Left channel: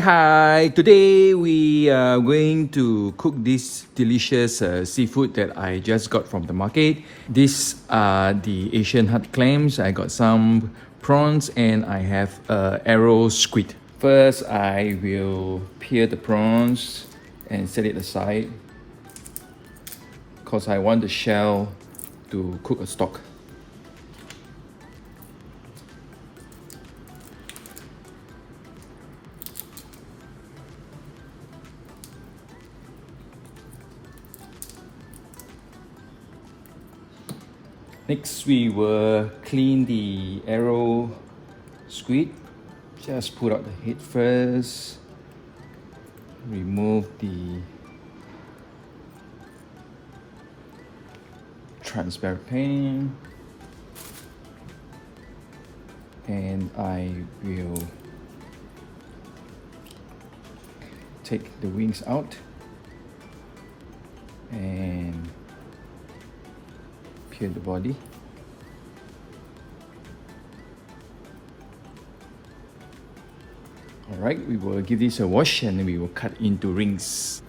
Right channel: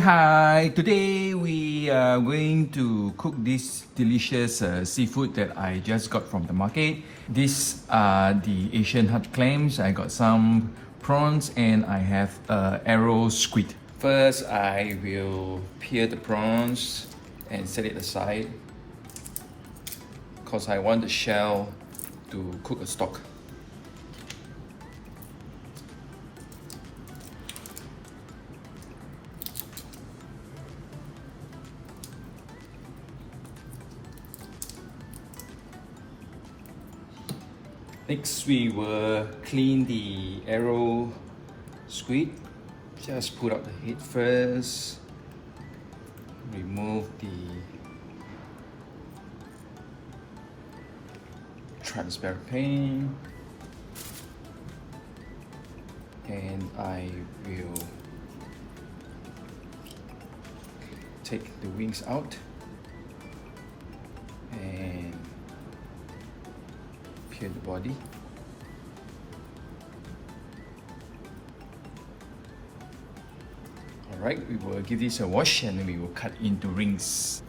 Hi! Today we are going to cook this delicious seafood that I just got from the market. These are the Asian hard clams. I got some prawns and I have arrow squid. First, I will peel the prawns and set it aside because I want the shell to cook a stock. Next, we will clean the arrow squid. Just put out the head first. Remove the transparent paint. And I will take the wings out and peel the body. Alright, we will give this a wash and we will cut into rings.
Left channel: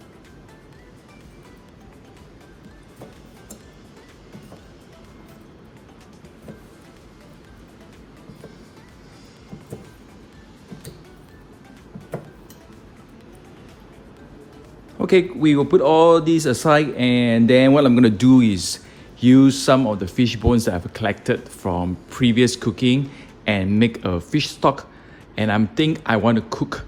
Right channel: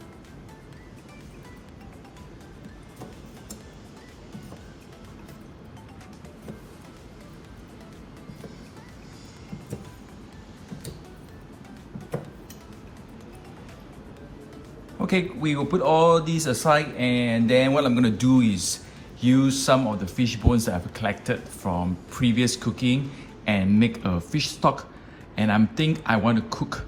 Okay, we will put all these aside, and then what I'm going to do is use some of the fish bones that I've collected from previous cooking and make a fish stock. And I think I want to cook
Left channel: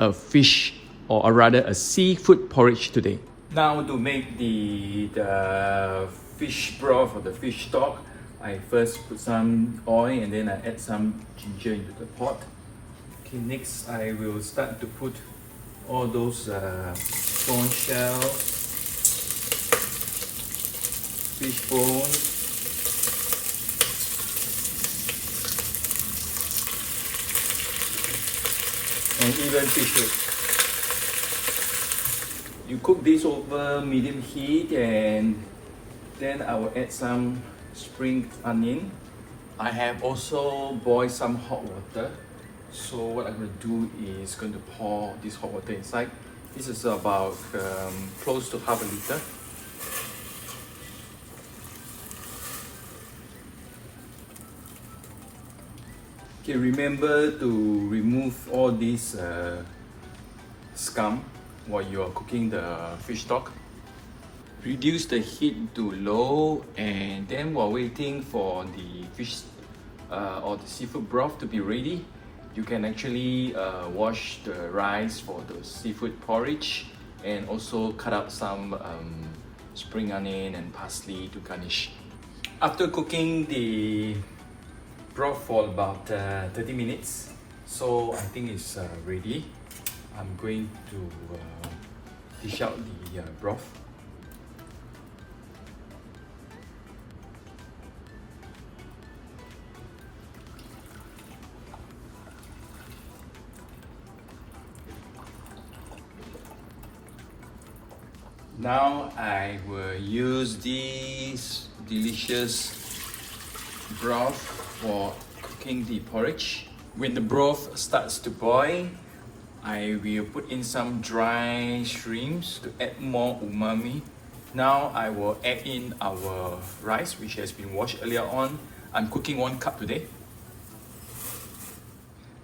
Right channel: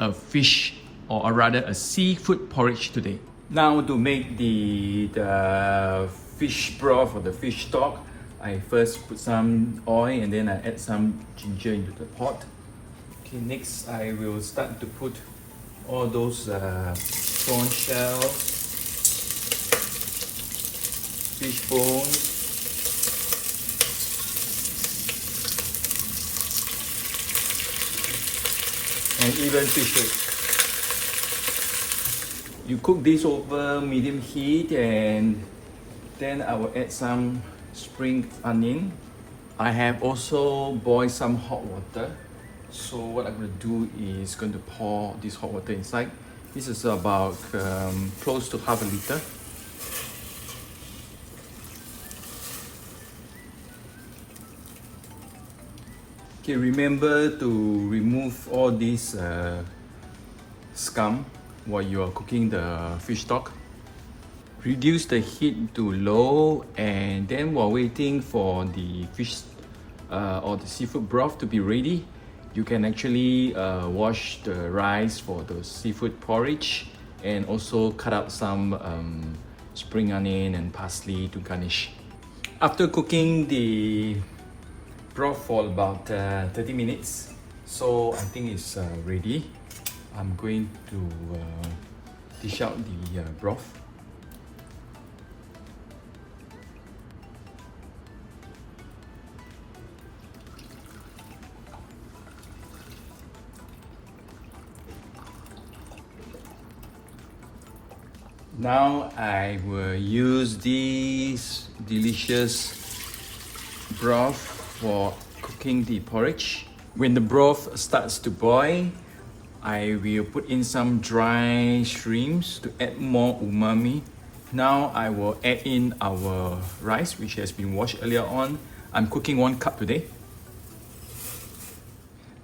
a fish, or rather a seafood porridge today. Now to make the fish broth or the fish stock, I first put some oil and then I add some ginger into the pot. Okay, next I will start to put all those prawn shells, fish bones, and even fish head. You cook this over medium heat, and then I will add some spring onion. I have also boiled some hot water. So what I'm going to do is going to pour this hot water inside. This is about close to half a liter. Okay, remember to remove all this scum while you are cooking the fish stock. Reduce the heat to low, and then while waiting for the fish or the seafood broth to be ready, you can actually wash the rice for the seafood porridge and also cut out some spring onion and parsley to garnish. After cooking the broth for about 30 minutes, so I think it's ready. I'm going to dish out the broth. Now I will use this delicious broth for cooking the porridge. When the broth starts to boil, I will put in some dry shrimps to add more umami. Now I will add in our rice, which has been washed earlier on. I'm cooking 1 cup today.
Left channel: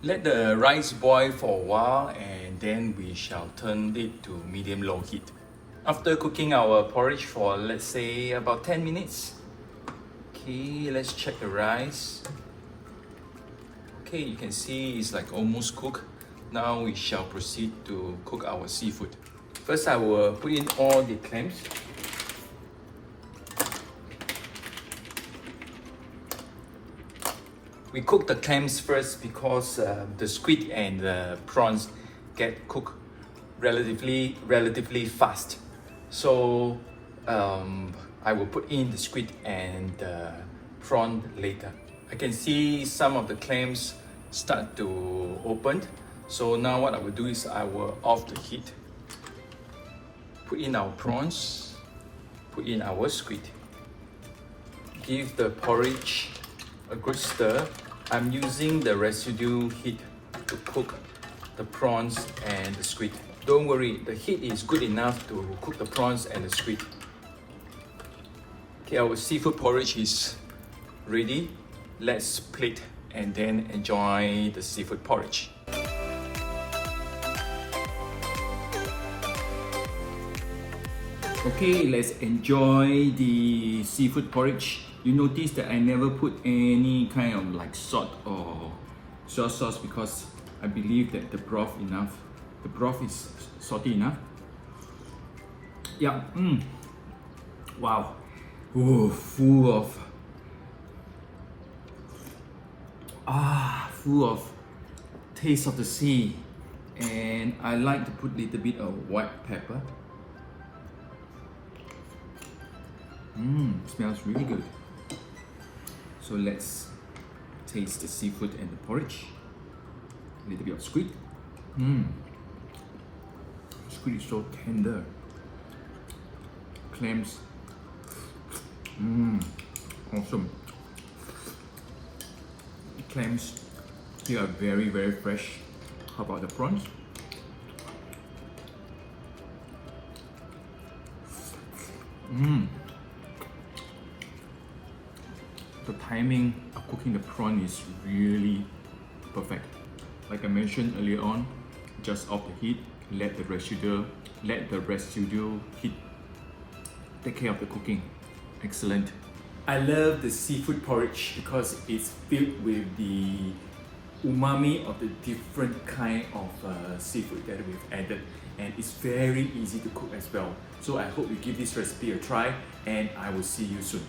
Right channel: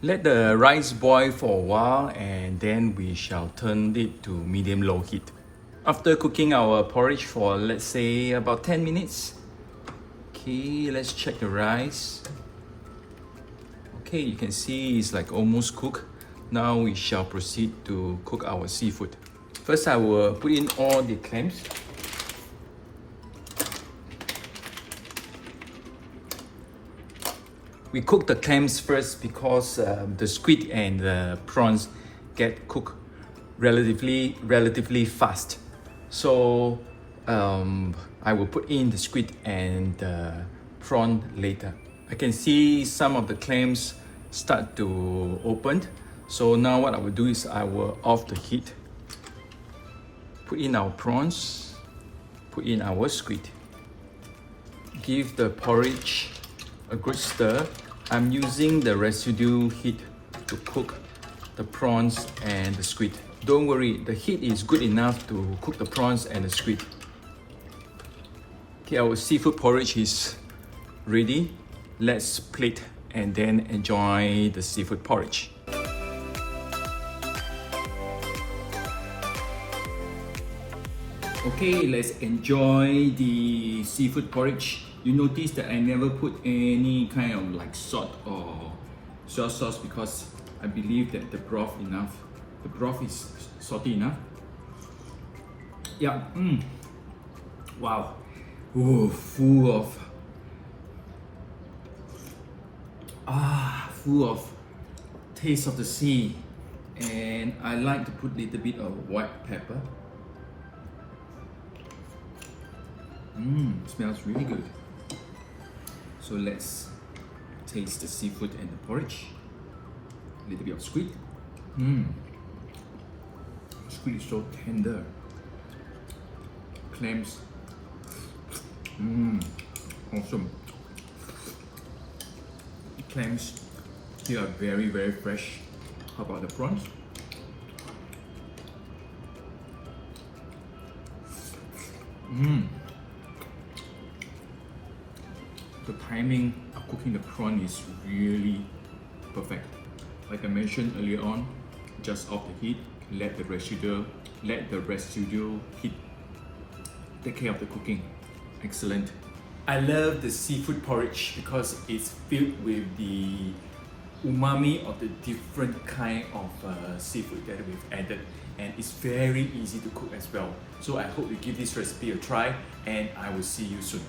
Let the rice boil for a while, and then we shall turn it to medium-low heat. After cooking our porridge for, let's say, about 10 minutes, okay, let's check the rice. Okay, you can see it's like almost cooked. Now we shall proceed to cook our seafood. First, I will put in all the clams. We cook the clams first because the squid and the prawns get cooked relatively fast. So I will put in the squid and the prawn later. I can see some of the clams start to open. So now what I will do is I will off the heat. Put in our prawns, put in our squid. Give the porridge a good stir. I'm using the residue heat to cook the prawns and the squid. Don't worry, the heat is good enough to cook the prawns and the squid. Okay, our seafood porridge is ready. Let's plate and then enjoy the seafood porridge. Okay, let's enjoy the seafood porridge. You notice that I never put any kind of like salt or soy sauce because I believe that the broth is salty enough. Yeah, wow. Ooh, full of taste of the sea. And I like to put a little bit of white pepper. Smells really good. So let's taste the seafood and the porridge. A little bit of squid. Squid is so tender. Clams. Awesome. Clams here are very, very fresh. How about the prawns? The timing of cooking the prawn is really perfect. Like I mentioned earlier on, just off the heat, let the residual heat take care of the cooking. Excellent. I love the seafood porridge because it's filled with the umami of the different kind of seafood that we've added, and it's very easy to cook as well. So I hope you give this recipe a try, and I will see you soon.